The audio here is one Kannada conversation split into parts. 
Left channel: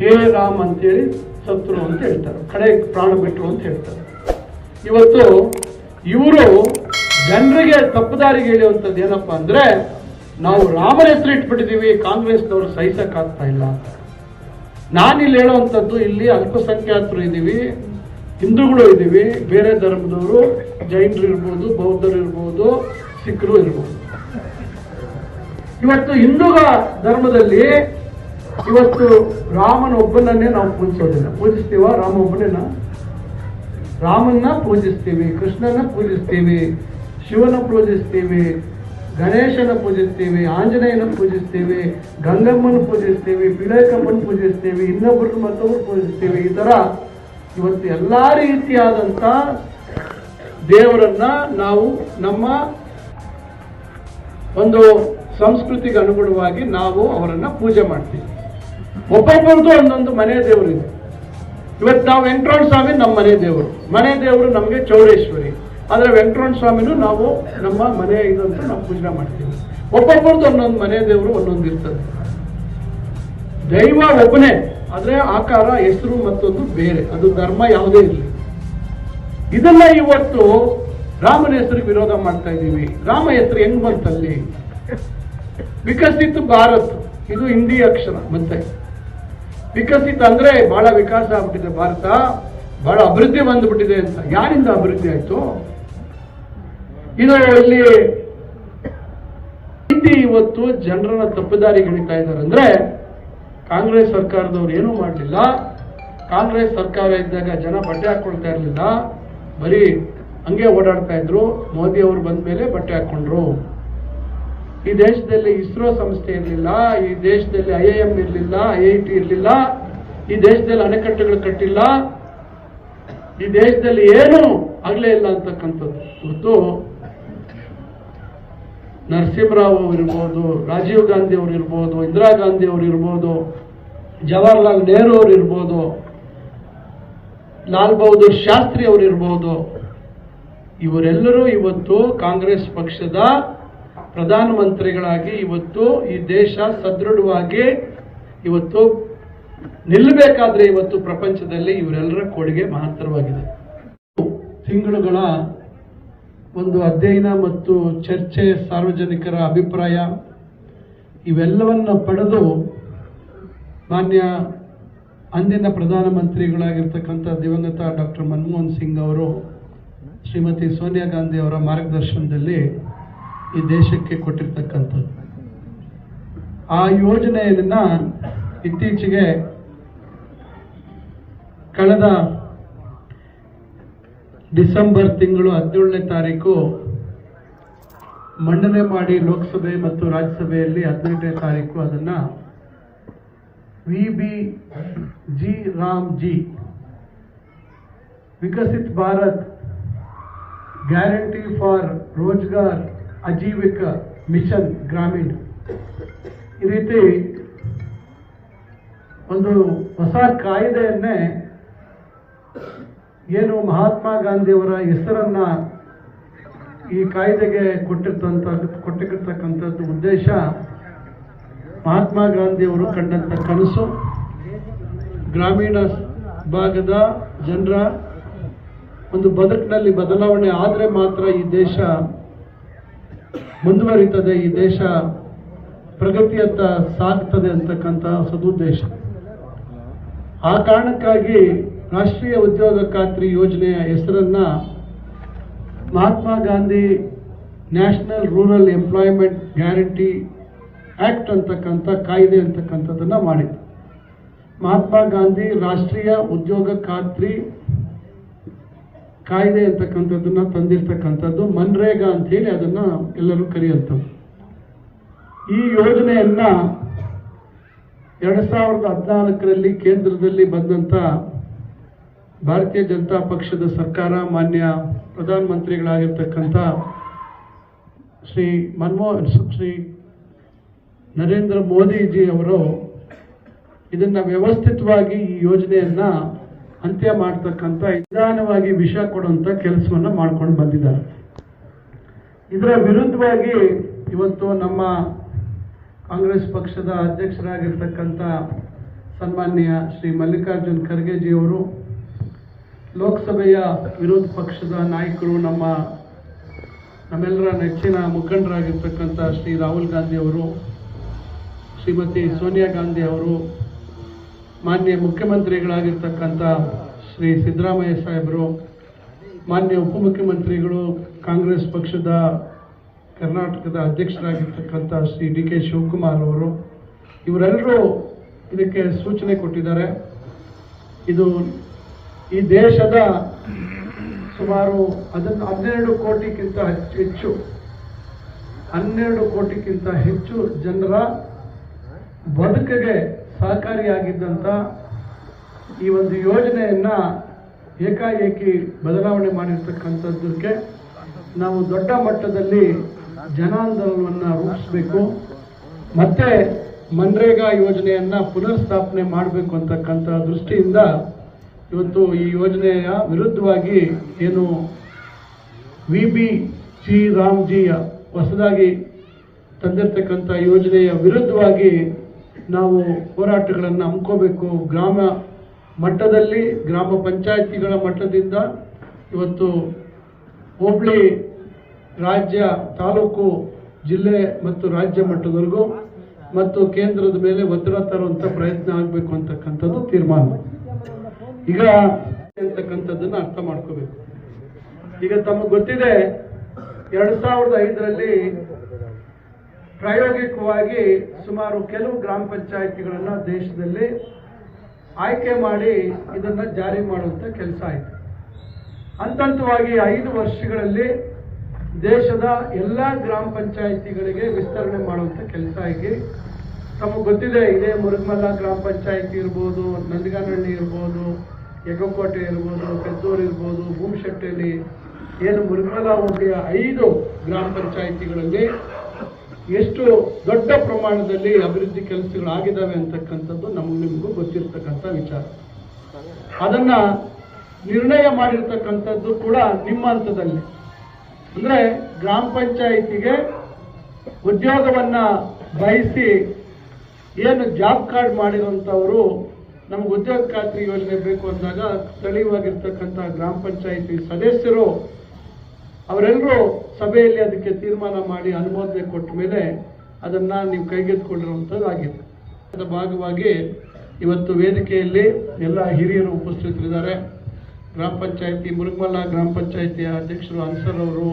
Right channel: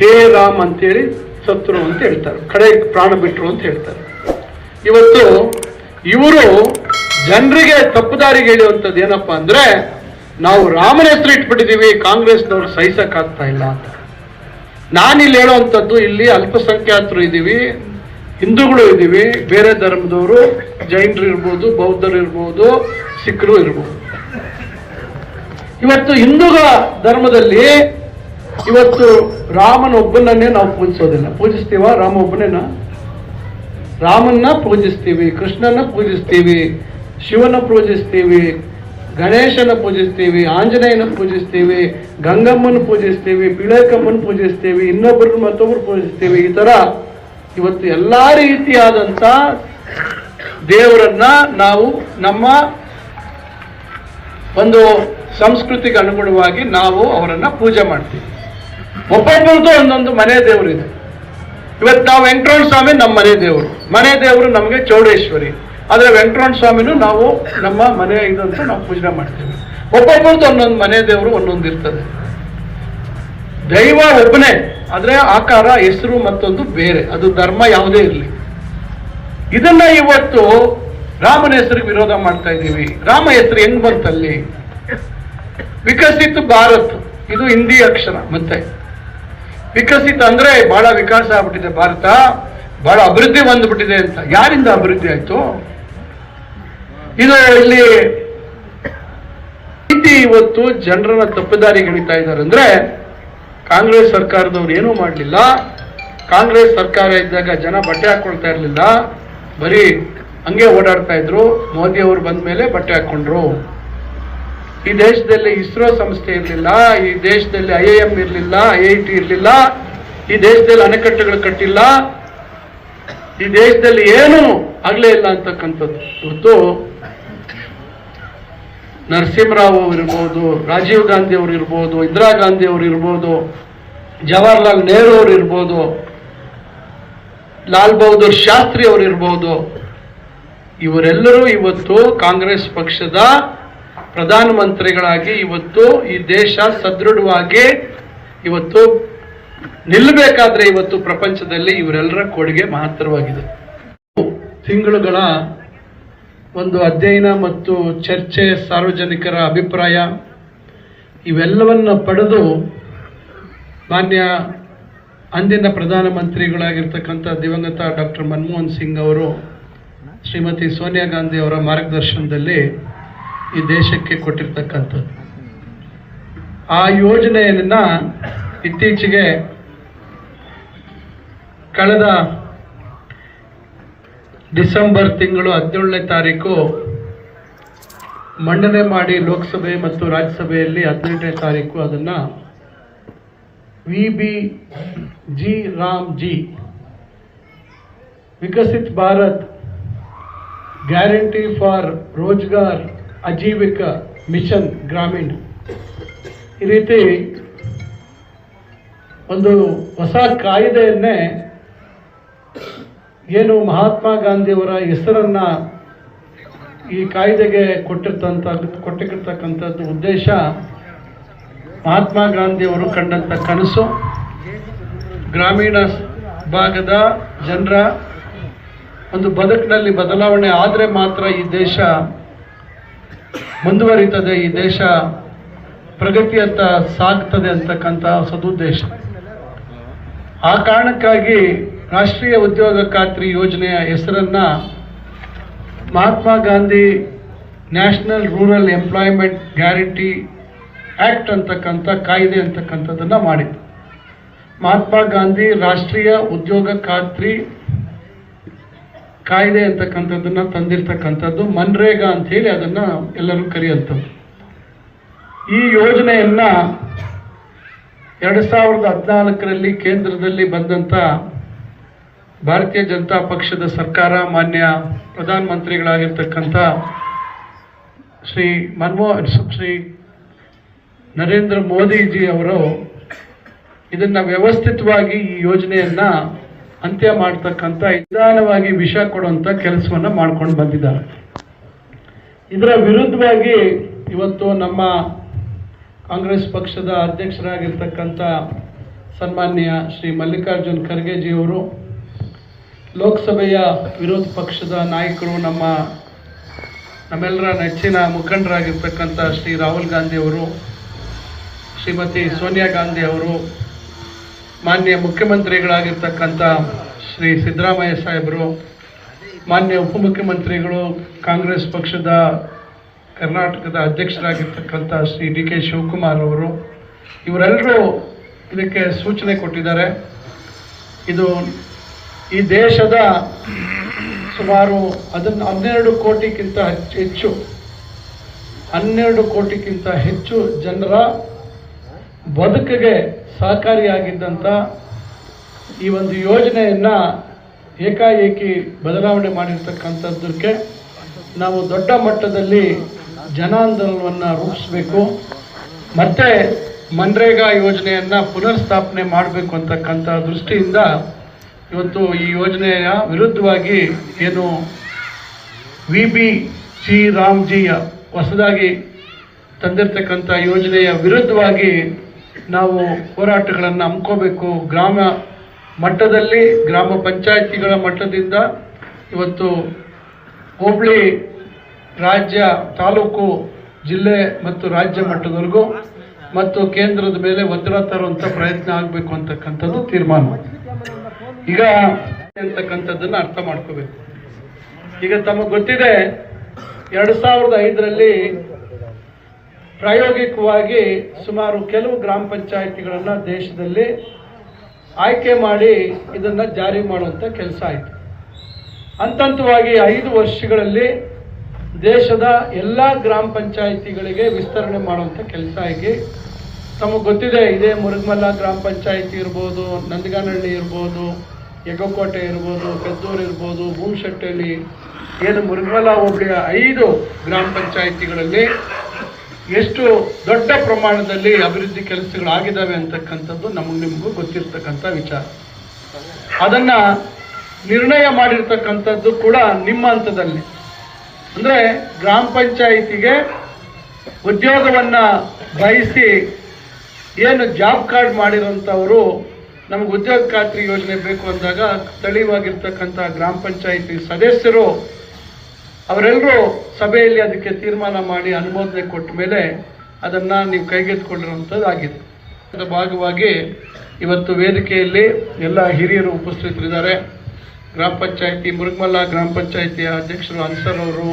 ಹೇ ರಾಮ್ ಅಂತೇಳಿ ಸತ್ರು ಅಂತ ಹೇಳ್ತಾರೆ, ಕಡೆ ಪ್ರಾಣ ಬಿಟ್ಟರು ಅಂತ ಹೇಳ್ತಾರೆ. ಇವತ್ತು ಇವರು ಜನರಿಗೆ ತಪ್ಪುದಾರಿಗೆ ಹೇಳುವಂಥದ್ದು ಏನಪ್ಪಾ ಅಂದ್ರೆ, ನಾವು ರಾಮನ ಹೆಸರು ಇಟ್ಬಿಟ್ಟಿದ್ದೀವಿ, ಕಾಂಗ್ರೆಸ್ನವರು ಸಹಿಸಕ್ಕಾಗ್ತಾ ಇಲ್ಲ ಅಂತ. ನಾನಿಲ್ಲಿ ಹೇಳುವಂಥದ್ದು, ಇಲ್ಲಿ ಅಲ್ಪಸಂಖ್ಯಾತರು ಇದ್ದೀವಿ, ಹಿಂದೂಗಳು ಇದ್ದೀವಿ, ಬೇರೆ ಧರ್ಮದವರು, ಜೈನರು ಇರ್ಬೋದು, ಬೌದ್ಧರು ಇರ್ಬೋದು, ಸಿಖ್ರು ಇರ್ಬೋದು. ಇವತ್ತು ಹಿಂದೂಗಳ ಧರ್ಮದಲ್ಲಿ ಇವತ್ತು ರಾಮನ ಒಬ್ಬನನ್ನೇ ನಾವು ಪೂಜಿಸೋದಿಲ್ಲ. ಪೂಜಿಸ್ತೀವ? ರಾಮ ಒಬ್ಬನೇನ? ರಾಮನ್ನ ಪೂಜಿಸ್ತೀವಿ, ಕೃಷ್ಣನ ಪೂಜಿಸ್ತೀವಿ, ಶಿವನ ಪೂಜಿಸ್ತೀವಿ, ಗಣೇಶನ ಪೂಜಿಸ್ತೀವಿ, ಆಂಜನೇಯನ ಪೂಜಿಸ್ತೀವಿ, ಗಂಗಮ್ಮನ ಪೂಜಿಸ್ತೀವಿ, ಪಿಳಕಮ್ಮನ ಪೂಜಿಸ್ತೀವಿ, ಇನ್ನೊಬ್ಬರು ಮತ್ತೊಬ್ಬರು ಪೂಜಿಸ್ತೀವಿ. ಈ ತರ ಇವತ್ತು ಎಲ್ಲಾ ರೀತಿಯಾದಂತ ದೇವರನ್ನ ನಾವು ನಮ್ಮ ಒಂದು ಸಂಸ್ಕೃತಿಗೆ ಅನುಗುಣವಾಗಿ ನಾವು ಅವರನ್ನ ಪೂಜೆ ಮಾಡ್ತೀವಿ. ಒಬ್ಬೊಬ್ಬರದು ಒಂದೊಂದು ಮನೆ ದೇವರಿದೆ. ಇವತ್ತು ನಾವು ವೆಂಕಟರಮಣ ಸ್ವಾಮಿ ನಮ್ಮ ಮನೆ ದೇವರು, ಮನೆ ದೇವರು ನಮಗೆ ಚೌಡೇಶ್ವರಿ. ಆದ್ರೆ ವೆಂಕಟರಮಣ ಸ್ವಾಮಿನೂ ನಾವು ನಮ್ಮ ಮನೆ ಇದಂತ ನಾವು ಪೂಜೆ ಮಾಡ್ತೀವಿ. ಒಬ್ಬೊಬ್ಬರದು ಒಂದೊಂದು ಮನೆ ದೇವರು ಒಂದೊಂದು ಇರ್ತದೆ. ದೈವ ಒಬ್ಬನೇ, ಆದ್ರೆ ಆಕಾರ, ಹೆಸರು ಮತ್ತೊಂದು ಬೇರೆ. ಅದು ಧರ್ಮ ಯಾವುದೇ ಇರಲಿ. ಇದನ್ನ ಇವತ್ತು ರಾಮನ ಹೆಸರಿಗೆ ವಿರೋಧ ಮಾಡ್ತಾ ಇದ್ದೀವಿ. ರಾಮ ಹೆಸರು ಹೆಂಗ್ ಬಂತಲ್ಲಿ? ವಿಕಸಿತ ಭಾರತ್, ಇದು ಹಿಂದಿ ಅಕ್ಷರ. ಮತ್ತೆ ವಿಕಸಿತ ಅಂದ್ರೆ ಬಹಳ ವಿಕಾಸ ಆಗ್ಬಿಟ್ಟಿದೆ ಭಾರತ, ಬಹಳ ಅಭಿವೃದ್ಧಿ ಬಂದ್ಬಿಟ್ಟಿದೆ ಅಂತ. ಯಾರಿಂದ ಅಭಿವೃದ್ಧಿ ಆಯ್ತು? ಇದು ಇಲ್ಲಿ ರೀತಿ ಇವತ್ತು ಜನರನ್ನ ತಪ್ಪುದಾರಿಗೆ ಹಿಡಿತಾ ಇದ್ದಾರೆ. ಅಂದ್ರೆ ಕಾಂಗ್ರೆಸ್ ಸರ್ಕಾರದವ್ರು ಏನೂ ಮಾಡಲಿಲ್ಲ. ಕಾಂಗ್ರೆಸ್ ಸರ್ಕಾರ ಇದ್ದಾಗ ಜನ ಬಟ್ಟೆ ಹಾಕೊಳ್ತಾ ಇರಲಿಲ್ಲ, ಬರೀ ಹಂಗೆ ಓಡಾಡ್ತಾ ಇದ್ರು. ಮೋದಿ ಅವರು ಬಂದ ಮೇಲೆ ಬಟ್ಟೆ ಹಾಕೊಂಡ್ರು. ಈ ದೇಶದಲ್ಲಿ ಇಸ್ರೋ ಸಂಸ್ಥೆ ಇರಲಿಲ್ಲ, ಈ ದೇಶದಲ್ಲಿ IIM ಇರಲಿಲ್ಲ, IIT ಇರಲಿಲ್ಲ, ಈ ದೇಶದಲ್ಲಿ ಅಣೆಕಟ್ಟುಗಳು ಕಟ್ಟಿಲ್ಲ, ಈ ದೇಶದಲ್ಲಿ ಏನು ಆಗ್ಲೇ ಇಲ್ಲ ಅಂತಕ್ಕಂಥದ್ದು. ಇವತ್ತು ನರಸಿಂಹರಾವ್ ಅವರು ಇರ್ಬೋದು, ರಾಜೀವ್ ಗಾಂಧಿ ಅವರು ಇರ್ಬೋದು, ಇಂದಿರಾ ಗಾಂಧಿ ಅವರು ಇರ್ಬೋದು, ಜವಾಹರ್ಲಾಲ್ ನೆಹರು ಅವರು ಇರ್ಬೋದು, ಲಾಲ್ ಬಹದ್ದೂರ್ ಶಾಸ್ತ್ರಿ ಅವರು ಇರ್ಬೋದು, ಇವರೆಲ್ಲರೂ ಇವತ್ತು ಕಾಂಗ್ರೆಸ್ ಪಕ್ಷದ ಪ್ರಧಾನಮಂತ್ರಿಗಳಾಗಿ ಇವತ್ತು ಈ ದೇಶ ಸದೃಢವಾಗಿ ಇವತ್ತು ನಿಲ್ಲಬೇಕಾದ್ರೆ ಇವತ್ತು ಪ್ರಪಂಚದಲ್ಲಿ ಇವರೆಲ್ಲರ ಕೊಡುಗೆ ಮಹತ್ತರವಾಗಿದೆ. ತಿಂಗಳುಗಳ ಒಂದು ಅಧ್ಯಯನ ಮತ್ತು ಚರ್ಚೆ, ಸಾರ್ವಜನಿಕರ ಅಭಿಪ್ರಾಯ ಇವೆಲ್ಲವನ್ನ ಪಡೆದು ಮಾನ್ಯ ಅಂದಿನ ಪ್ರಧಾನಮಂತ್ರಿಗಳಾಗಿರ್ತಕ್ಕಂಥ ದಿವಂಗತ ಡಾಕ್ಟರ್ ಮನಮೋಹನ್ ಸಿಂಗ್ ಅವರು ಶ್ರೀಮತಿ ಸೋನಿಯಾ ಗಾಂಧಿ ಅವರ ಮಾರ್ಗದರ್ಶನದಲ್ಲಿ ಈ ದೇಶಕ್ಕೆ ಕೊಟ್ಟಿರ್ತಕ್ಕಂಥದ್ದು. ಆ ಯೋಜನೆಯನ್ನ ಇತ್ತೀಚೆಗೆ ಕಳೆದ ಡಿಸೆಂಬರ್ ತಿಂಗಳು 17ನೇ ತಾರೀಕು ಮಂಡನೆ ಮಾಡಿ ಲೋಕಸಭೆ ಮತ್ತು ರಾಜ್ಯಸಭೆಯಲ್ಲಿ 18ನೇ ತಾರೀಕು ಅದನ್ನ VBG Ramji Viksit Bharat guarantee for Rozgar Ajeevika mission Gramin, ಈ ರೀತಿ ಒಂದು ಹೊಸ ಕಾಯ್ದೆಯನ್ನೇ ಏನು ಮಹಾತ್ಮ ಗಾಂಧಿಯವರ ಹೆಸರನ್ನ ಈ ಕಾಯ್ದೆಗೆ ಕೊಟ್ಟಿರ್ತಕ್ಕಂಥದ್ದು ಉದ್ದೇಶ, ಮಹಾತ್ಮ ಗಾಂಧಿಯವರು ಕಂಡಂಥ ಕನಸು ಗ್ರಾಮೀಣ ಭಾಗದ ಜನರ ಒಂದು ಬದುಕಿನಲ್ಲಿ ಬದಲಾವಣೆ ಆದರೆ ಮಾತ್ರ ಈ ದೇಶ ಮುಂದುವರಿತದೆ, ಈ ದೇಶ ಪ್ರಗತಿಯತ್ತ ಸಾಗ್ತದೆ ಅಂತಕ್ಕಂಥ ಸದುದ್ದೇಶ. ಆ ಕಾರಣಕ್ಕಾಗಿ ರಾಷ್ಟ್ರೀಯ ಉದ್ಯೋಗ ಖಾತ್ರಿ ಯೋಜನೆಯ ಹೆಸರನ್ನ Mahatma Gandhi national rural employment guarantee act ಅಂತಕ್ಕಂಥ ಕಾಯ್ದೆ ಅಂತಕ್ಕಂಥದ್ದನ್ನ ಮಾಡಿತು. ಮಹಾತ್ಮ ಗಾಂಧಿ ರಾಷ್ಟ್ರೀಯ ಉದ್ಯೋಗ ಖಾತ್ರಿ ಕಾಯ್ದೆ ಅಂತಕ್ಕಂಥದ್ದನ್ನ ತಂದಿರ್ತಕ್ಕಂಥದ್ದು, ಮನ್ರೇಗಾ ಅಂತ ಹೇಳಿ ಅದನ್ನ ಎಲ್ಲರೂ ಕರೆಯುವಂಥದ್ದು. ಈ ಯೋಜನೆಯನ್ನ 2014ರಲ್ಲಿ ಕೇಂದ್ರದಲ್ಲಿ ಬಂದಂತ ಭಾರತೀಯ ಜನತಾ ಪಕ್ಷದ ಸರ್ಕಾರ, ಮಾನ್ಯ ಪ್ರಧಾನಮಂತ್ರಿಗಳಾಗಿರ್ತಕ್ಕಂಥ ಶ್ರೀ ನರೇಂದ್ರ ಮೋದಿಜಿ ಅವರು ಇದನ್ನ ವ್ಯವಸ್ಥಿತವಾಗಿ ಈ ಯೋಜನೆಯನ್ನ ಅಂತ್ಯ ಮಾಡತಕ್ಕಂಥ ನಿಧಾನವಾಗಿ ವಿಷ ಕೊಡುವಂತ ಕೆಲಸವನ್ನ ಮಾಡ್ಕೊಂಡು ಬಂದಿದ್ದಾರೆ. ಇದರ ವಿರುದ್ಧವಾಗಿ ಇವತ್ತು ನಮ್ಮ ಕಾಂಗ್ರೆಸ್ ಪಕ್ಷದ ಅಧ್ಯಕ್ಷರಾಗಿರ್ತಕ್ಕಂಥ ಸನ್ಮಾನ್ಯ ಶ್ರೀ ಮಲ್ಲಿಕಾರ್ಜುನ್ ಖರ್ಗೆಜಿಯವರು, ಲೋಕಸಭೆಯ ವಿರೋಧ ಪಕ್ಷದ ನಾಯಕರು, ನಮ್ಮೆಲ್ಲರ ನೆಚ್ಚಿನ ಮುಖಂಡರಾಗಿರ್ತಕ್ಕಂಥ ಶ್ರೀ ರಾಹುಲ್ ಗಾಂಧಿ ಅವರು, ಶ್ರೀಮತಿ ಸೋನಿಯಾ ಗಾಂಧಿ ಅವರು, ಮಾನ್ಯ ಮುಖ್ಯಮಂತ್ರಿಗಳಾಗಿರ್ತಕ್ಕಂಥ ಶ್ರೀ ಸಿದ್ದರಾಮಯ್ಯ ಸಾಹೇಬರು, ಮಾನ್ಯ ಉಪಮುಖ್ಯಮಂತ್ರಿಗಳು, ಕಾಂಗ್ರೆಸ್ ಪಕ್ಷದ ಕರ್ನಾಟಕದ ಅಧ್ಯಕ್ಷರಾಗಿರ್ತಕ್ಕಂಥ ಶ್ರೀ ಡಿ ಕೆ ಶಿವಕುಮಾರ್ ಅವರು, ಇವರೆಲ್ಲರೂ ಇದಕ್ಕೆ ಸೂಚನೆ ಕೊಟ್ಟಿದ್ದಾರೆ. ಇದು ಈ ದೇಶದ ಸುಮಾರು 12 ಕೋಟಿಗಿಂತ ಹೆಚ್ಚು ಜನರ ಬದುಕಿಗೆ ಸಹಕಾರಿಯಾಗಿದ್ದಂಥ ಈ ಒಂದು ಯೋಜನೆಯನ್ನು ಏಕಾಏಕಿ ಬದಲಾವಣೆ ಮಾಡಿರ್ತಕ್ಕಂಥದ್ದಕ್ಕೆ ನಾವು ದೊಡ್ಡ ಮಟ್ಟದಲ್ಲಿ ಜನಾಂದೋಲನವನ್ನು ರೂಪಿಸಬೇಕು, ಮತ್ತೆ ಮನ್ರೇಗಾ ಯೋಜನೆಯನ್ನು ಪುನರ್ಸ್ಥಾಪನೆ ಮಾಡಬೇಕು ಅಂತಕ್ಕಂಥ ದೃಷ್ಟಿಯಿಂದ ಇವತ್ತು ಈ ಯೋಜನೆಯ ವಿರುದ್ಧವಾಗಿ ಏನು VBG ರಾಮ್ಜಿ ಹೊಸದಾಗಿ ತಂದಿರತಕ್ಕಂಥ ಯೋಜನೆಯ ವಿರುದ್ಧವಾಗಿ ನಾವು ಹೋರಾಟಗಳನ್ನು ಹಮ್ಮಿಕೋಬೇಕು. ಗ್ರಾಮ ಮಟ್ಟದಲ್ಲಿ, ಗ್ರಾಮ ಪಂಚಾಯಿತಿಗಳ ಮಟ್ಟದಿಂದ ಇವತ್ತು ಹೋಬಳಿ, ರಾಜ್ಯ, ತಾಲೂಕು, ಜಿಲ್ಲೆ ಮತ್ತು ರಾಜ್ಯ ಮಟ್ಟದವರೆಗೂ ಮತ್ತು ಕೇಂದ್ರದ ಮೇಲೆ ಒತ್ತಡ ತರುವಂಥ ಪ್ರಯತ್ನ ಆಗಬೇಕು ಅಂತಕ್ಕಂಥದ್ದು ತೀರ್ಮಾನ. ಈಗ ಅಂತಕ್ಕಂಥದ್ದನ್ನು ಅರ್ಥ ಮಾಡ್ಕೋಬೇಕು. ಈಗ ತಮಗೆ ಗೊತ್ತಿದೆ, 2005ರಲ್ಲಿ ಪ್ರಾಯೋಗಿಕವಾಗಿ ಸುಮಾರು ಕೆಲವು ಗ್ರಾಮ ಪಂಚಾಯಿತಿಗಳನ್ನು ದೇಶದಲ್ಲಿ ಆಯ್ಕೆ ಮಾಡಿ ಇದನ್ನು ಜಾರಿ ಮಾಡುವಂಥ ಕೆಲಸ ಆಯಿತು. ಹಂತವಾಗಿ 5 ವರ್ಷಗಳಲ್ಲಿ ದೇಶದ ಎಲ್ಲ ಗ್ರಾಮ ಪಂಚಾಯಿತಿಗಳಿಗೆ ವಿಸ್ತರಣೆ ಮಾಡುವಂಥ ಕೆಲಸ ಆಗಿ ತಮಗೆ ಗೊತ್ತಿದೆ. ಇದೇ ಮುರುಗಮಲ್ಲ ಗ್ರಾಮ ಪಂಚಾಯಿತಿ ಇರ್ಬೋದು, ನಂದಗಾನಹಳ್ಳಿ ಇರ್ಬೋದು, ಯಗಕೋಟೆ ಇರ್ಬೋದು, ಪೆದ್ದೂರು ಇರ್ಬೋದು, ಭೂಮಶೆಟ್ಟಳ್ಳಿ, ಏನು ಮುರುಗಮಲ್ಲ ಹೋಬಳಿಯ 5 ಗ್ರಾಮ ಪಂಚಾಯಿತಿಗಳಲ್ಲಿ ಎಷ್ಟು ದೊಡ್ಡ ಪ್ರಮಾಣದಲ್ಲಿ ಅಭಿವೃದ್ಧಿ ಕೆಲಸಗಳಾಗಿದ್ದಾವೆ ಅಂತಕ್ಕಂಥದ್ದು ನಿಮಗೂ ಗೊತ್ತಿರ್ತಕ್ಕಂಥ ವಿಚಾರ. ಅದನ್ನು ನಿರ್ಣಯ ಮಾಡಿರ್ತಕ್ಕಂಥದ್ದು ಕೂಡ ನಿಮ್ಮ ಹಂತದಲ್ಲಿ. ಅಂದರೆ ಗ್ರಾಮ ಪಂಚಾಯಿತಿಗೆ ಉದ್ಯೋಗವನ್ನು ಬಯಸಿ ಏನು ಜಾಬ್ ಕಾರ್ಡ್ ಮಾಡಿರೋಂಥವರು ನಮಗೆ ಉದ್ಯೋಗ ಖಾತ್ರಿ ಯೋಜನೆ ಬೇಕು ಅಂದಾಗ ಸ್ಥಳೀಯವಾಗಿರ್ತಕ್ಕಂಥ ಗ್ರಾಮ ಪಂಚಾಯಿತಿ ಸದಸ್ಯರು ಅವರೆಲ್ಲರೂ ಸಭೆಯಲ್ಲಿ ಅದಕ್ಕೆ ತೀರ್ಮಾನ ಮಾಡಿ ಅನುಮೋದನೆ ಕೊಟ್ಟ ಮೇಲೆ ಅದನ್ನು ನೀವು ಕೈಗೆತ್ತಿಕೊಂಡಿರುವಂಥದ್ದು ಆಗಿದೆ. ಅದರ ಭಾಗವಾಗಿ ಇವತ್ತು ವೇದಿಕೆಯಲ್ಲಿ ಎಲ್ಲ ಹಿರಿಯರು ಉಪಸ್ಥಿತರಿದ್ದಾರೆ. ಗ್ರಾಮ ಪಂಚಾಯಿತಿ ಮುರುಗಮಲ್ಲ ಗ್ರಾಮ ಪಂಚಾಯಿತಿಯ ಅಧ್ಯಕ್ಷರು ಅನ್ಸರ್ ಅವರು,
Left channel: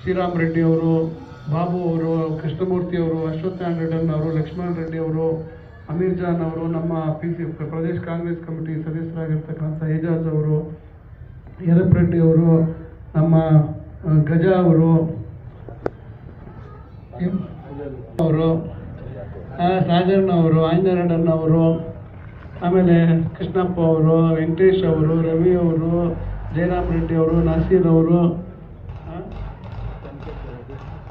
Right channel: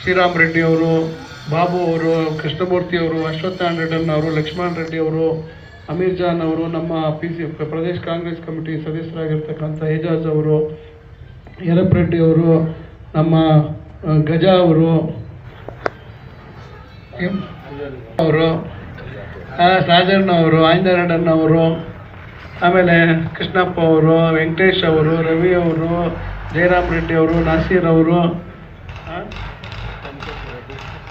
ಶ್ರೀರಾಮ್ ರೆಡ್ಡಿ ಅವರು, ಬಾಬು ಅವರು, ಕೃಷ್ಣಮೂರ್ತಿ ಅವರು, ಅಶ್ವತ್ಥನಾರಾಯಣ ರೆಡ್ಡಿ ಅವರು, ಲಕ್ಷ್ಮಣ್ ರೆಡ್ಡಿ ಅವರು, ಅಮೀರ್ ಜಾನ್ ಅವರು, ನಮ್ಮ ಪ್ರದೇಶ ಕಾಂಗ್ರೆಸ್ ಕಮಿಟಿ ಸದಸ್ಯರಾಗಿರ್ತಕ್ಕಂಥ ಏಜಾಜ್ ಅವರು, ಯರಪ್ ರೆಡ್ಡಿ ಅವರು, ನಮ್ಮ ಗಜ ಅವರು, ರಾಜಣ್ಣ ಅವರು, ಆಂಜನೇಯಣ್ಣ ಅವರು, ಆಮೇಲೆ ಕೃಷ್ಣಪ್ಪ ಅವರು, ವೆಂಕಟೇಶ್ ಅವರು, ರವಿ ಅವರು, ಜಯರಾಮ್ ರೆಡ್ಡಿ ಅವರು, ನಾಸೀರ್ ಅವರು,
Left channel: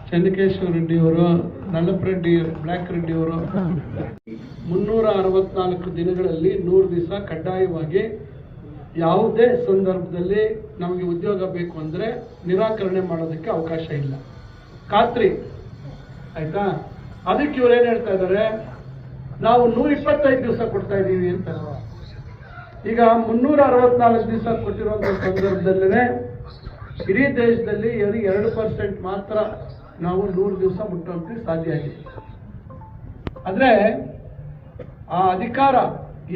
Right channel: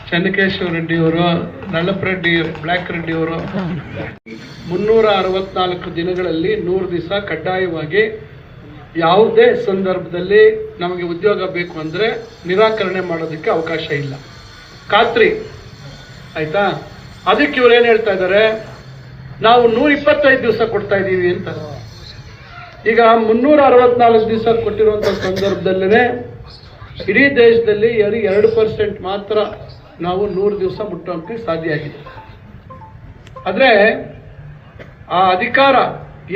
ಚನ್ನಕೇಶವ ರೆಡ್ಡಿ ಅವರು, ನಲ್ಲಪ್ಪ ರೆಡ್ಡಿ, ಬ್ಲ್ಯಾಕ್ ರೆಡ್ಡಿ ಅವರು 364 ದಿನಗಳಲ್ಲಿ 100 ದಿವಸ ಕಡ್ಡಾಯವಾಗಿ ಯಾವುದೇ ಸಂದರ್ಭದಲ್ಲಿ ನಮಗೆ ಉದ್ಯೋಗ ಬೇಕು ಅಂದರೆ ನಿರಾಕರಣೆ ಮಾಡೋದಕ್ಕೆ ಅವಕಾಶ ಇಲ್ಲ. ಖಾತ್ರಿ ಆಯ್ತಾ? ಅದಕ್ಕೆ ಇವ್ರು ಏನು ಹೇಳ್ತಾ ಇದ್ದಾರೆ, ನಾವು 125 ದಿವಸ ಕೊಡ್ತಾ ಇದ್ದೀವಿ ಅಂತ. ಈಗ 364 ದಿವಸ ಕೊಟ್ಟಿರುವಂಥ ಸಂದರ್ಭದಲ್ಲೇ ಇಡೀ ದೇಶದಲ್ಲಿ 2% ಮಾತ್ರ ನಾವು 100 ದಿವಸ ಮುಟ್ಟೋಕ್ಕೆ ಸಾಧ್ಯ ಆಗಿದೆ. ಆದರೆ ಆ ಅಧಿಕಾರ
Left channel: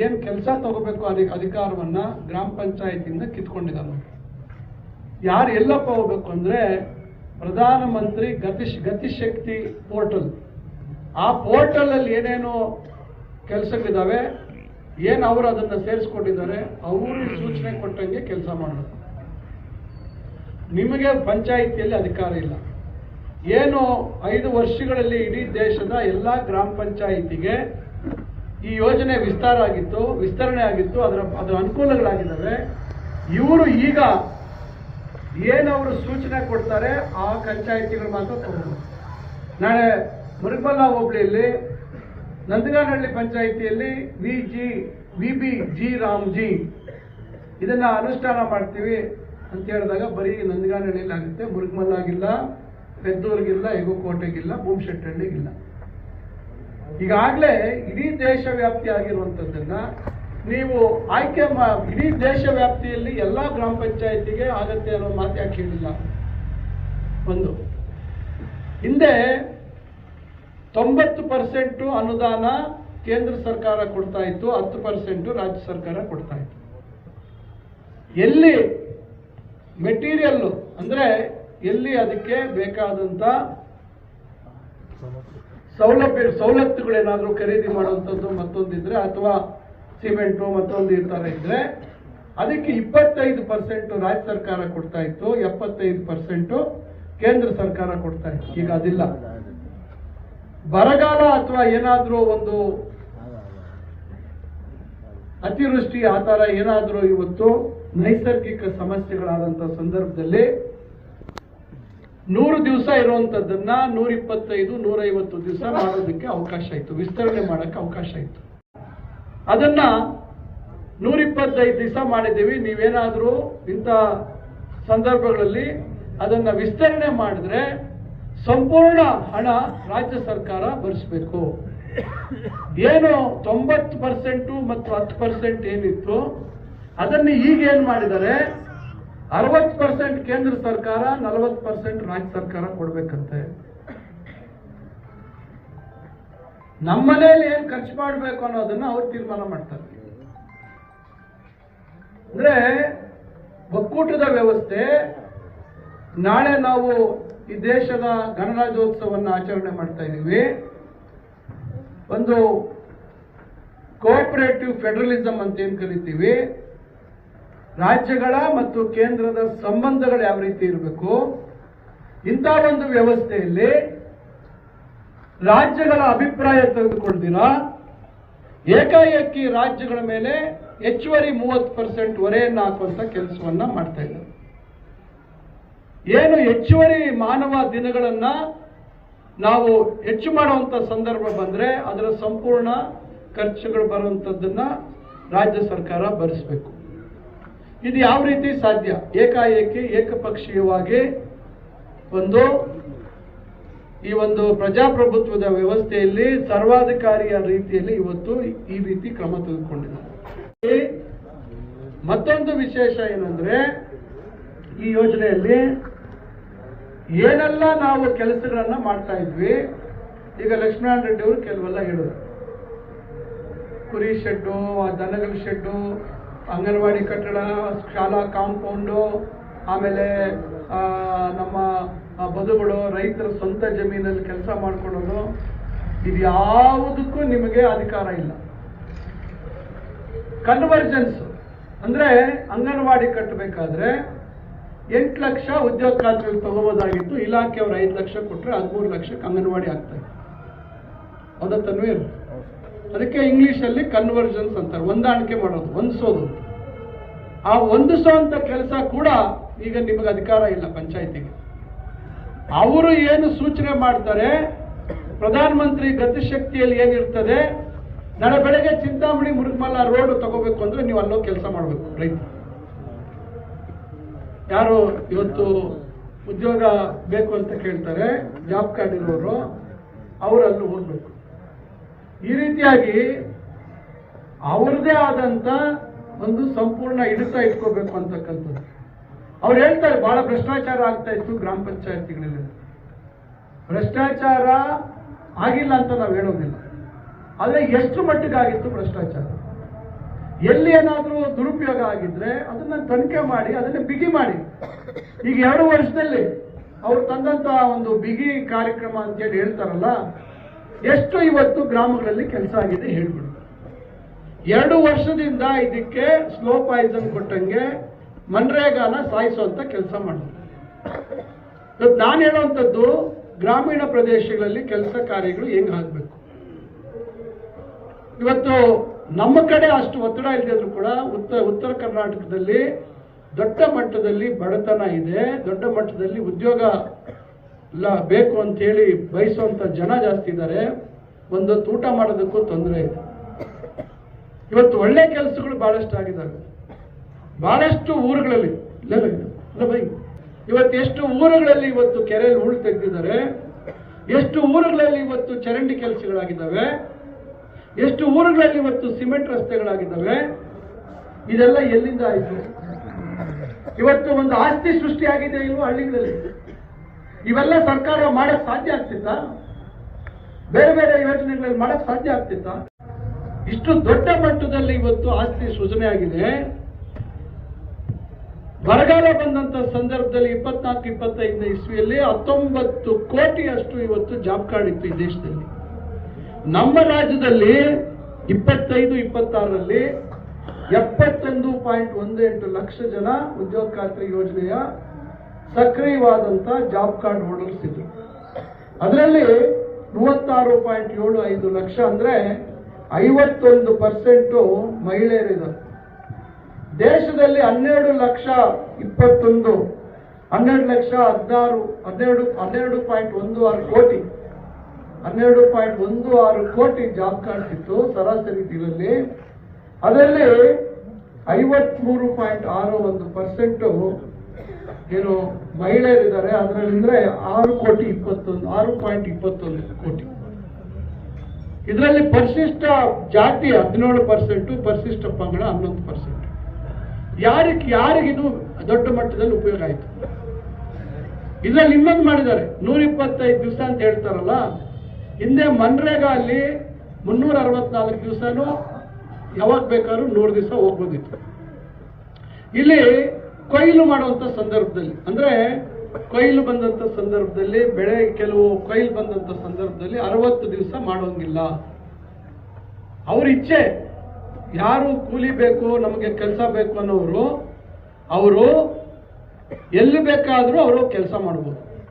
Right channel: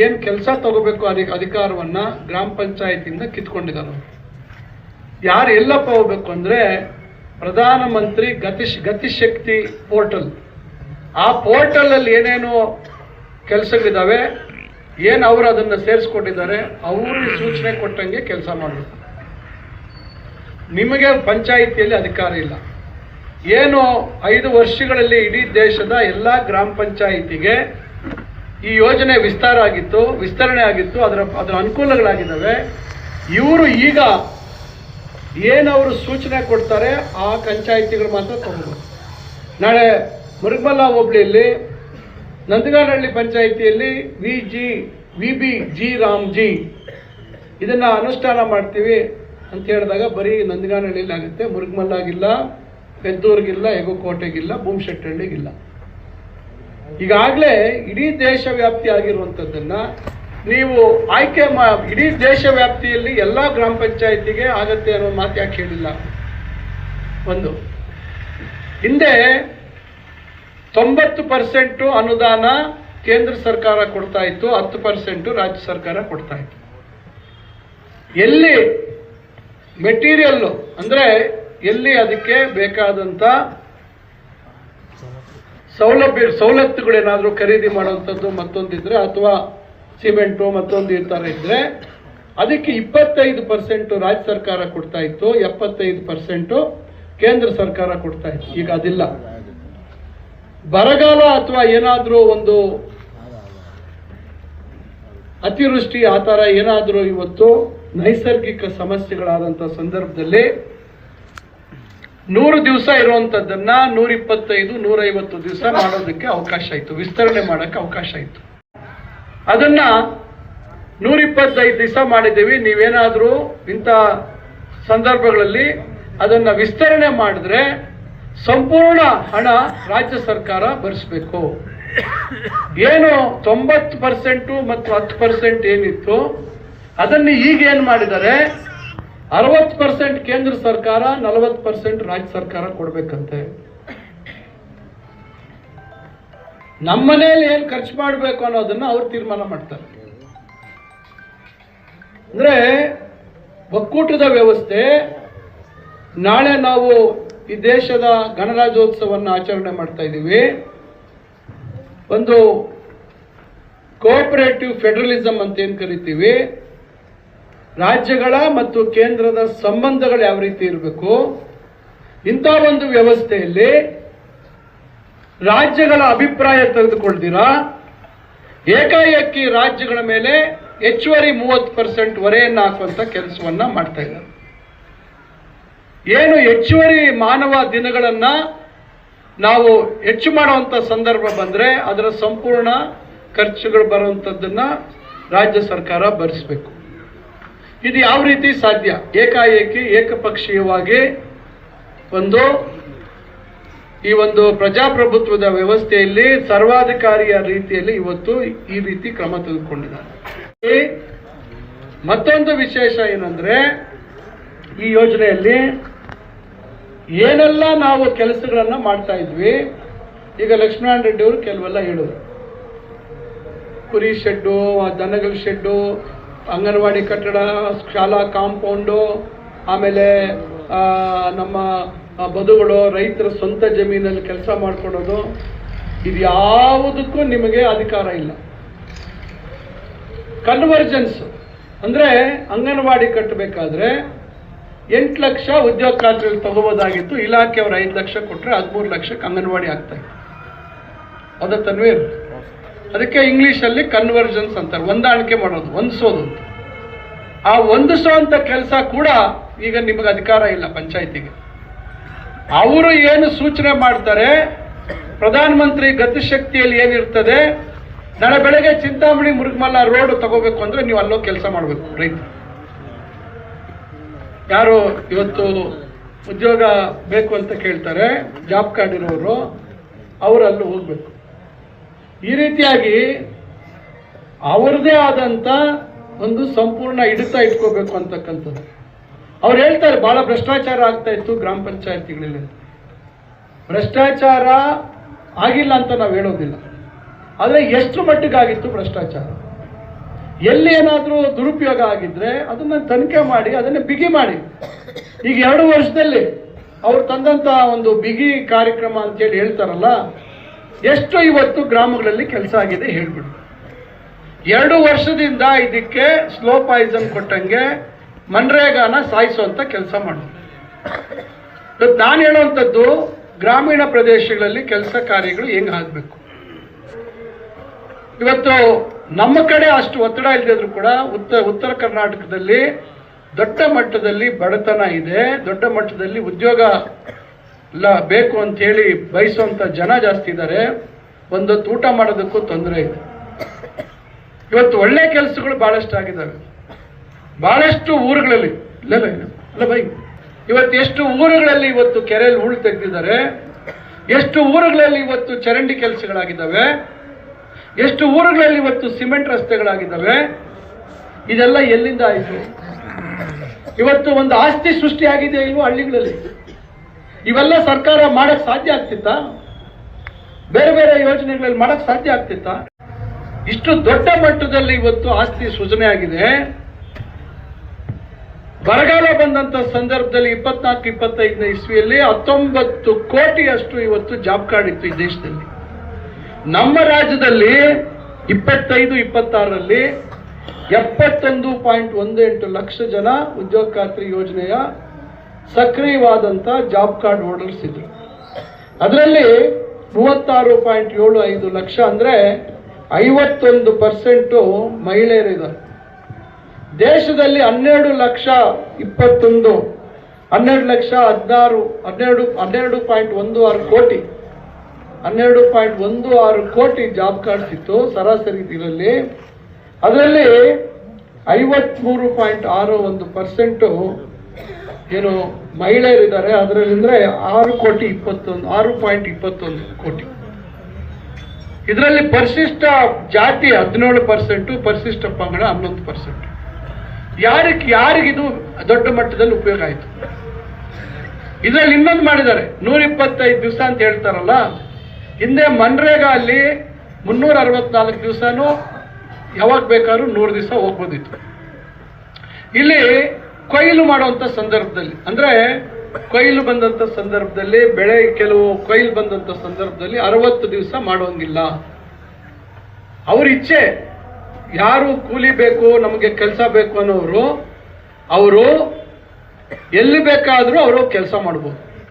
ಏನು ಕೆಲಸ ತಗೋಬೇಕು ಅಧಿಕಾರವನ್ನು ಗ್ರಾಮ ಪಂಚಾಯತಿಯಿಂದ ಕಿತ್ಕೊಂಡಿದ್ದಾನೆ. ಯಾರು ಎಲ್ಲಪ್ಪ ಹೋಗ್ಬೇಕು ಅಂದರೆ ಪ್ರಧಾನಮಂತ್ರಿ ಗತಿಶಕ್ತಿ ಪೋರ್ಟಲ್. ಆ ಪೋರ್ಟಲಲ್ಲಿ ಏನೇನು ಕೆಲಸಗಳಿದ್ದಾವೆ, ಏನು ಅವರು ಅದನ್ನು ಸೇರಿಸ್ಕೊಂಡಿದ್ದಾರೆ, ಅವ್ರಿಗೆ ಸೂಚನೆ ಕೊಟ್ಟಂಗೆ ಕೆಲಸ ಮಾಡಬೇಕು. ನಿಮಗೆ ಪಂಚಾಯಿತಿಯಲ್ಲಿ ಅಧಿಕಾರ ಇಲ್ಲ. ಏನು 5 ವರ್ಷಗಳಲ್ಲಿ ಇಡೀ ದೇಶದ ಎಲ್ಲ ಗ್ರಾಮ ಪಂಚಾಯಿತಿಗೆ ಈ ಯೋಜನೆ ವಿಸ್ತರಣೆ ಆಗಿತ್ತು, ಅದರ ಅನುಕೂಲಗಳಾಗಿದ್ದಾವೆ. ಇವರು ಈಗ ಏನವರು ಸೂಚನೆ ಕೊಡ್ತಾರೆ ಆ ಪಂಚಾಯಿತಿಗಳು ಮಾತ್ರ ತಗೋಬೇಕು. ನಾಳೆ ಮುರುಗಮಲ್ಲ ಹೋಬಳಿಯಲ್ಲಿ ನಂದಗಾನಹಳ್ಳಿ ಪಂಚಾಯಿತಿಯಲ್ಲಿ VBG ರಾಮ್ಜಿ ಇದನ್ನು ಅನುಷ್ಠಾನ ಮಾಡ್ತೀವಿ ಅಂತ ಹೇಳಿದಾಗ ಬರೀ ನಂದಗಾನಹಳ್ಳಿಯಲ್ಲಿ ಆಗುತ್ತೆ, ಮುರುಗಮಲ್ಲಾಗಿಲ್ಲ, ಪೆದ್ದೂರಿಗಿಲ್ಲ, ಯಗಕೋಟೆಗಿಲ್ಲ, ಭೂಮಶೆಟ್ಟಹಳ್ಳಿಗಿಲ್ಲ. ಈಗಾಗಲೇ ಇಡೀ ದೇಶ ವ್ಯಾಪ್ತಿ ಆಗಿರುವಂಥದ್ದನ್ನ ನೀವು ಆಯ್ಕೆ ಇಡೀ ದೇಶ ವ್ಯಾಪ್ತಿಯಲ್ಲಿ ಎಲ್ಲ ಗ್ರಾಮ ಪಂಚಾಯಿತಿಗೆ ಆಗತ್ತೆ ಅನ್ನೋ ಮಾತು ಯಾಕೆ ಹೇಳಿಲ್ಲ? ಒಂದು, ಹಿಂದೆ 90% ಅನುದಾನ ಕೇಂದ್ರ ಸರ್ಕಾರ ಕೊಡ್ತಾ ಇತ್ತು, 10% ರಾಜ್ಯ ಸರ್ಕಾರ ಕೊಡ್ತಾ ಇತ್ತು. ಎಲ್ಲಿ ಮೆಟೀರಿಯಲ್ ಅಂದ್ರೆ ಎಲ್ಲಿ ಅದಕ್ಕೆ ಬೇಕಾದಂತ ಸವಲತ್ತುಗಳೇನಾದ್ರೂ ಖರೀದಿ ಮಾಡುವಂಥದ್ದು ಮತ್ತೊಂದಿದ್ರೆ, ಅಥವಾ ಸಿಮೆಂಟು ಮತ್ತೊಂದು ಈ ಥರ ಇದ್ರೆ ಅದಕ್ಕೆ 25% ರಾಜ್ಯ ಸರ್ಕಾರ ಕೊಡ್ತಾ ಇತ್ತು, 75% ಕೇಂದ್ರ ಸರ್ಕಾರ ಕೊಡ್ತಾ ಇತ್ತು. ಈಗ ಅದಿಲ್ಲ. ಬರಗಾಲ ಅಥವಾ ಏನಾದರೂ ಒಂದು ಅತಿವೃಷ್ಟಿ ಆ ಥರ ಏನಾದರೂ ಇವತ್ತು ನೈಸರ್ಗಿಕ ಸಮಸ್ಯೆಗಳಾದಂಥ ಸಂದರ್ಭದಲ್ಲಿ 100 ದಿವಸ ಇರುವಂಥದ್ದನ್ನ 125, 150 ದಿವಸ ಮಾಡೋದಕ್ಕೆ ಅವಕಾಶ ಇತ್ತು, ವಿಸ್ತರಣೆ ಮಾಡೋಕ್ಕೆ ಅವಕಾಶ ಇತ್ತು. ಅದನ್ನ 125 ದಿವಸ ಮಾಡಿದ್ದೀವಿ. ನೀವೇನಾದರೂ ಇಂಥ ಸಂದರ್ಭಗಳಲ್ಲಿ ಅದನ್ನ ವಿಸ್ತರಣೆ ಮಾಡಿದ್ರೆ ಸಂಪೂರ್ಣ ಹಣ ರಾಜ್ಯ ಸರ್ಕಾರ ಭರಿಸಬೇಕು. ಏನು 90% ಮತ್ತು 10% ಏನಿತ್ತು ಅದನ್ನು ಈಗ ಏನ್ ಮಾಡಿದ್ದಾರೆ, 60% ಕೇಂದ್ರ ಸರ್ಕಾರ, 40% ರಾಜ್ಯ ಸರ್ಕಾರ ಕೊಡ್ಬೇಕಂತೆ. ನಮ್ಮನೇಲಿ ಏನ್ ಖರ್ಚು ಮಾಡಬೇಕು ಅನ್ನೋದನ್ನ ಅವ್ರು ತೀರ್ಮಾನ ಮಾಡ್ತಾರೆ. ಅಂದ್ರೆ ಒಕ್ಕೂಟದ ವ್ಯವಸ್ಥೆ. ನಾಳೆ ನಾವು ಈ ದೇಶದ ಗಣರಾಜ್ಯೋತ್ಸವವನ್ನು ಆಚರಣೆ ಮಾಡ್ತಾ ಇದ್ದೀವಿ. ಒಂದು ಕೋಆಪರೇಟಿವ್ ಫೆಡರಲಿಸಂ ಅಂತ ಏನ್ ಕರಿತೀವಿ, ರಾಜ್ಯಗಳ ಮತ್ತು ಕೇಂದ್ರದ ಸಂಬಂಧಗಳು ಯಾವ ರೀತಿ ಇರಬೇಕು, ಇಂಥ ಒಂದು ವ್ಯವಸ್ಥೆಯಲ್ಲಿ ರಾಜ್ಯಗಳ ಅಭಿಪ್ರಾಯ ತೆಗೆದುಕೊಳ್ತೀರಾ ಏಕಾಏಕಿ ರಾಜ್ಯಗಳ ಮೇಲೆ ಹೆಚ್ಚುವರಿ 30% ಹೊರೆಯನ್ನು ಹಾಕುವಂತ ಕೆಲಸವನ್ನ ಮಾಡ್ತಾ ಇದ್ದಾರೆ. ಏನು ಹೆಚ್ಚುವರಿ ಮಾನವ ದಿನಗಳನ್ನ ನಾವು ಹೆಚ್ಚು ಮಾಡುವಂತ ಸಂದರ್ಭ ಬಂದ್ರೆ ಅದರ ಸಂಪೂರ್ಣ ಖರ್ಚುಗಳು ಬರುವಂತದ್ದನ್ನ ರಾಜ್ಯ ಸರ್ಕಾರ ಭರಿಸಬೇಕು. ಇದು ಯಾವ ರೀತಿ ಸಾಧ್ಯ? ಏಕಾಏಕಿ ಏಕಪಕ್ಷೀಯವಾಗಿ ಈ ಒಂದು ಪ್ರಜಾಪ್ರಭುತ್ವದ ವ್ಯವಸ್ಥೆಯಲ್ಲಿ ಸರ್ವಾಧಿಕಾರಿಯ ರೀತಿಯಲ್ಲಿ ಇವತ್ತು ಈ ರೀತಿ ಕ್ರಮ ತೆಗೆದುಕೊಂಡಿದ್ದಾರೆ. ಮತ್ತೊಂದು ವಿಶೇಷ ಏನಂದ್ರೆ, ಈ ಯೋಜನೆಯಲ್ಲಿ ಏನೆಲ್ಲ ನಾವು ಕೆಲಸಗಳನ್ನ ಮಾಡ್ತಾ ಇದ್ವಿ, ಈಗ ಲಕ್ಷ್ಮೀನಾರಾಯಣ ರೆಡ್ಡಿ ಅವರು ಕೆಲವೆಲ್ಲ ಹೇಳಿದ್ರು. ಕುರಿ ಶೆಡ್ಡು, ದನಗಳ ಶೆಡ್ಡು, ಅಂಗನವಾಡಿ ಕಟ್ಟಡ, ಶಾಲಾ ಕಾಂಪೌಂಡು, ಆಮೇಲೆ ನಮ್ಮ ಬದುಗಳು, ರೈತರ ಸ್ವಂತ ಜಮೀನಲ್ಲಿ ಕೆಲಸ ಮಾಡ್ಕೊಡೋದು, ಇದು ಯಾವುದಕ್ಕೂ ನಿಮಗೆ ಅಧಿಕಾರ ಇಲ್ಲ. ಕನ್ವರ್ಜೆನ್ಸ್ ಅಂದ್ರೆ ಅಂಗನವಾಡಿ ಕಟ್ಟಬೇಕಾದ್ರೆ 8 ಲಕ್ಷ ಉದ್ಯೋಗಾಂತರಲ್ಲಿ ತಗೋಬೋದಾಗಿತ್ತು. ಇಲಾಖೆಯವರು 5 ಲಕ್ಷ ಕೊಟ್ಟರೆ 13 ಲಕ್ಷಕ್ಕೆ ಅಂಗನವಾಡಿ ಆಗ್ತಾ ಇತ್ತು. ಹೌದಾ ತನ್ವೀರ್? ಅದಕ್ಕೆ ಇಂಗ್ಲಿಷಲ್ಲಿ ಕನ್ವರ್ಜೆನ್ಸ್ ಅಂತಾರೆ, ಹೊಂದಾಣಿಕೆ ಮಾಡೋದು, ಹೊಂದಿಸೋದು. ಆ ಹೊಂದಿಸುವಂತ ಕೆಲಸ ಕೂಡ ಈಗ ನಿಮಗೆ ಅಧಿಕಾರ ಇಲ್ಲ ಪಂಚಾಯತಿಗೆ. ಅವರು ಏನು ಸೂಚನೆ ಮಾಡ್ತಾರೆ, ಪ್ರಧಾನಮಂತ್ರಿ ಗತಿಶಕ್ತಿಯಲ್ಲಿ ಏನಿರ್ತದೆ, ನಾಳೆ ಬೆಳಗ್ಗೆ ಚಿಂತಾಮಣಿ ಮುರುಗಮಲ್ಲ ರೋಡ್ ತಗೋಬೇಕು ಅಂದ್ರೆ ನೀವು ಅಲ್ಲೋ ಕೆಲಸ ಮಾಡಬೇಕು. ರೈತರು ಯಾರು ಇವತ್ತು ಉದ್ಯೋಗ ಬೇಕು ಅಂತ ಕೇಳ್ತಾರೆ, ಜಾಬ್ ಕಾರ್ಡ್ ಇರೋರು, ಅವರು ಅಲ್ಲೂ ಹೋಗ್ಬೇಕು. ಈ ರೀತಿಯಾಗಿ ಅವರದೇ ಆದಂತ ಒಂದು ಸಂಪೂರ್ಣ ಹಿಡಿತ ಇಟ್ಕೋಬೇಕು ಅಂತಕ್ಕಂಥದ್ದು. ಅವ್ರು ಹೇಳ್ತಾರೆ ಬಹಳ ಭ್ರಷ್ಟಾಚಾರ ಆಗ್ತಾ ಇತ್ತು ಗ್ರಾಮ ಪಂಚಾಯತಿಗಳಲ್ಲಿ. ಭ್ರಷ್ಟಾಚಾರ ಆಗಿಲ್ಲ ಅಂತ ನಾವು ಹೇಳೋದಿಲ್ಲ, ಆದರೆ ಎಷ್ಟು ಮಟ್ಟಿಗಾಗಿತ್ತು ಭ್ರಷ್ಟಾಚಾರ, ಎಲ್ಲಿ ಏನಾದರೂ ದುರುಪಯೋಗ ಆಗಿದ್ರೆ ಅದನ್ನ ತನಿಖೆ ಮಾಡಿ ಅದನ್ನ ಬಿಗಿ ಮಾಡಿ. ಈಗ 2 ವರ್ಷದಲ್ಲಿ ಅವ್ರು ತಂದಂತ ಒಂದು ಬಿಗಿ ಕಾರ್ಯಕ್ರಮ ಅಂತೇಳಿ ಹೇಳ್ತಾರಲ್ಲ, ಎಷ್ಟು ಇವತ್ತು ಗ್ರಾಮಗಳಲ್ಲಿ ಕೆಲಸ ಆಗಿದೆ ಹೇಳ್ಬಿಡು. 2 ವರ್ಷದಿಂದ ಇದಕ್ಕೆ ಸ್ಲೋ ಪಾಯ್ಸನ್ ಕೊಟ್ಟಂಗೆ ಮನ್ರೇಗಾನ ಸಾಯಿಸುವಂತ ಕೆಲಸ ಮಾಡೋದು. ಇವತ್ತು ನಾನು ಹೇಳುವಂಥದ್ದು ಗ್ರಾಮೀಣ ಪ್ರದೇಶಗಳಲ್ಲಿ ಕೆಲಸ ಕಾರ್ಯಗಳು ಹೆಂಗೆ ಆಗಬೇಕು. ಇವತ್ತು ನಮ್ಮ ಕಡೆ ಅಷ್ಟು ಒತ್ತಡ ಇಲ್ಲದಿದ್ರು ಕೂಡ ಉತ್ತರ ಕರ್ನಾಟಕದಲ್ಲಿ ದೊಡ್ಡ ಮಟ್ಟದಲ್ಲಿ ಬಡತನ ಇದೆ, ದೊಡ್ಡ ಮಟ್ಟದಲ್ಲಿ ಉದ್ಯೋಗ ಬೇಕು ಅಂತ ಹೇಳಿ ಬಯಸುವಂತ ಜನ ಜಾಸ್ತಿ ಇದ್ದಾರೆ. ಒಂದೊತ್ತು ಊಟ ಮಾಡೋದಕ್ಕೂ ತೊಂದರೆ ಇದೆ. ಇವತ್ತು ಒಳ್ಳೆ ಕೆಲಸಗಳು ಬಹಳಷ್ಟು ಆಗಿದ್ದಾವೆ. ಬಹಳಷ್ಟು ಊರುಗಳಲ್ಲಿ ಇವತ್ತು ಎಷ್ಟು ಊರುಗಳಲ್ಲಿ ಇವತ್ತು ಕೆರೆಯಲ್ಲಿ ಹೂಳು ತೆಗೆದಿದ್ದಾರೆ. ಎಷ್ಟು ಊರುಗಳಲ್ಲಿ ಇವತ್ತು ಚರಂಡಿ ಕೆಲಸಗಳಾಗಿದ್ದಾವೆ, ಎಷ್ಟು ಊರುಗಳಲ್ಲಿ ಇವತ್ತು ಸಿಮೆಂಟ್ ರಸ್ತೆಗಳಾಗಿದ್ದಾವೆ. ಇದೆಲ್ಲ ಎಲ್ಲಿಂದ ಆಯಿತು? ಇವತ್ತು ಒಂದು ಆಸ್ತಿ ಸೃಷ್ಟಿಯಾಗಿದೆ ಇವು ಹಳ್ಳಿಗಳಲ್ಲಿ. ಇವೆಲ್ಲ ಸರ್ಕಾರ ಮಾಡಕ್ ಸಾಧ್ಯ ಆಗ್ತಿತ್ತಾ? ಬೇರೆ ಬೇರೆ ಯೋಜನೆಗಳಲ್ಲಿ ಮಾಡಕ್ ಸಾಧ್ಯ ಆಗ್ತಿತ್ತಾ? ಇಷ್ಟು ದೊಡ್ಡ ಮಟ್ಟದಲ್ಲಿ ಇವತ್ತು ಆಸ್ತಿ ಸೃಜನೆ ಆಗಿದೆ. ಬರಗಾಲ ಬಂದಂತ ಸಂದರ್ಭದಲ್ಲಿ 24-25ನೇ ಇಸ್ವಿಯಲ್ಲಿ 19 ಕೋಟಿಯಷ್ಟು ಇವತ್ತು ಜಾಬ್ ಕಾರ್ಡ್ ಇತ್ತು ಈ ದೇಶದಲ್ಲಿ. ನಮ್ಮ ರಾಜ್ಯದಲ್ಲಿ 25-26ರಲ್ಲಿ 71.18 ಲಕ್ಷ ಜನ ಉದ್ಯೋಗ ಖಾತ್ರಿ ಯೋಜನೆಯ ಸಕ್ರಿಯವಾದಂತ ಜಾಬ್ ಕಾರ್ಡ್ ಹೋಲ್ಡರ್ಸ್ ಇದ್ರು. ಅದರಲ್ಲಿ 36.75 ಲಕ್ಷ ಅಂದ್ರೆ 51% ಮಹಿಳೆಯರಿದ್ದಾರೆ. ದೇಶದಲ್ಲಿ 12.16 ಕೋಟಿ 12.16 ಕೋಟಿ ಜಾಬ್ ಕಾರ್ಡ್ಸ್ ಇತ್ತು ಸರಾಸರಿ ಇದರಲ್ಲಿ. ಅದರಲ್ಲಿ 53.61% ಏನು ಮಹಿಳೆಯರಿದ್ದಾರೆ. ಅದರಲ್ಲಿ ಅಂದ್ರೆ 6.21 ಕೋಟಿ. ಇದರಲ್ಲಿ ಪರಿಶಿಷ್ಟ ಜಾತಿ 17%, ಪರಿಶಿಷ್ಟ ಪಂಗಡ 11%. ಯಾರಿಗಿದು ದೊಡ್ಡ ಮಟ್ಟದಲ್ಲಿ ಉಪಯೋಗ ಆಯಿತು? ಇದರಲ್ಲಿ ಇನ್ನೊಂದು ಮಾಡಿದ್ದಾರೆ, 125 ದಿವಸ ಅಂತ ಹೇಳ್ತಾರಲ್ಲ. ಹಿಂದೆ ಮನ್ರೇಗಾ ಅಲ್ಲಿ 364 ದಿವಸನೂ ಯಾವಾಗ ಬೇಕಾದ್ರೂ 100 ದಿವಸ ಹೋಗ್ಬೋದಿತ್ತು. ಇಲ್ಲಿ ಕೊಯ್ಲು ಮಾಡುವಂತ ಸಂದರ್ಭದಲ್ಲಿ, ಅಂದ್ರೆ ಕೊಯ್ಲು ಬಂದಂತ ಸಂದರ್ಭದಲ್ಲಿ, ಬೆಳೆ ಕೆಲವು ಕೊಯ್ಲು ಬಂದಂತ ಸಂದರ್ಭದಲ್ಲಿ 60 ದಿವಸ ಮಾಡುವಂಗಿಲ್ಲ. ಅವ್ರ ಇಚ್ಛೆ. ಯಾರು ಕೂಲಿ ಬೇಕು, ನಮಗೆ ಕೆಲಸ ಬೇಕು ಅನ್ನೋರು ಅವರು ಎಲ್ಲಿ ಬೇಕಾದ್ರೂ ಅವರು ಕೆಲಸ ಮಾಡ್ಬೋದು.